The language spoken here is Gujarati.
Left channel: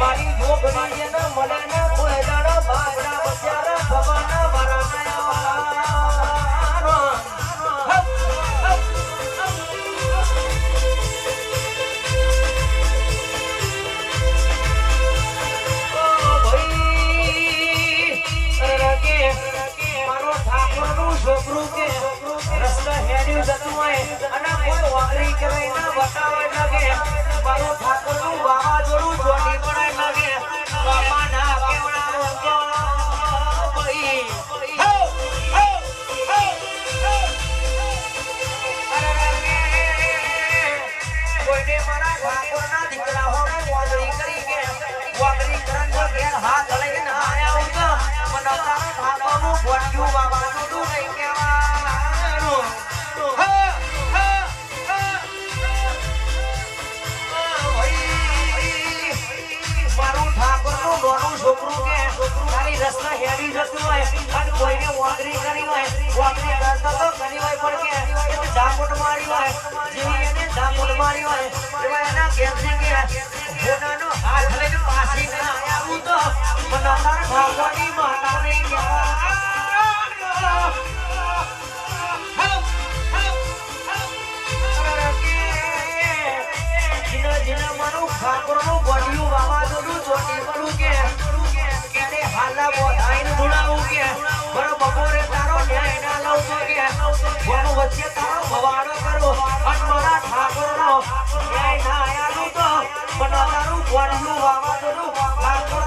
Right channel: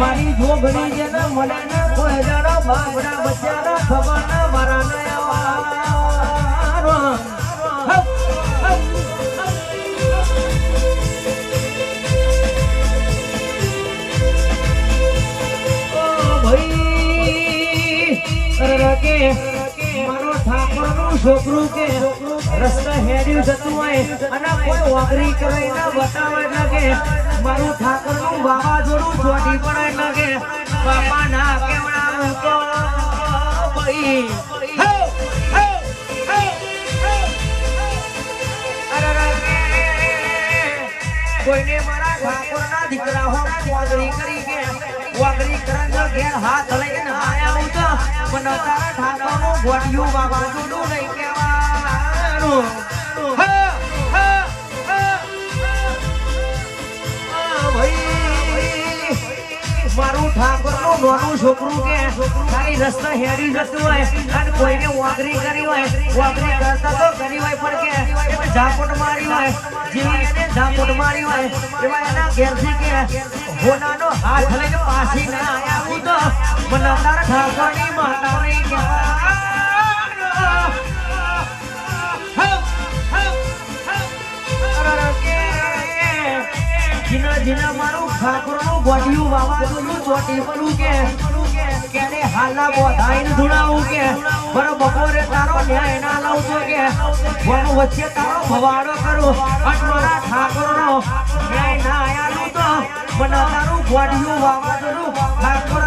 મારી જોગણી છે ને મને ના કોઈ જણા બાબડા બચ્યા ના ખબર ના મારા નયા છોકરું કે રસ્તો હેડ્યું જતું હોય અને કોઈ વાગરી કરાઈ ના બતાવે લાગે, મારું કોઈને મારા ઠાકોરના દીકરા હો વાગરી કરી કે વાગરી કરન જો ઘેર હાથ લઈને આયા હું તો મને તારા ઠાકોરનું ઘોડિયું જોડું લઈ કેવાનું મારું ઠાકોરનું નાનું છોકરું કે રસ્તા હેડી જતું કોઈને વાગરી કરી હોય વાગરી કરતા હોય, પણ મારી હોય એવા એના ઘેરથી વાવાઝોડું ચોટી પડું કે ક્યારે હાલના બોધાઈને ધુણાવું કે વચ્ચે તારો ભવાડો કરું. અને મારા ઠાકોરનો. ન્યાય ના આયાલું તો. મને તારું વાવાઝોડું. ઠાકોર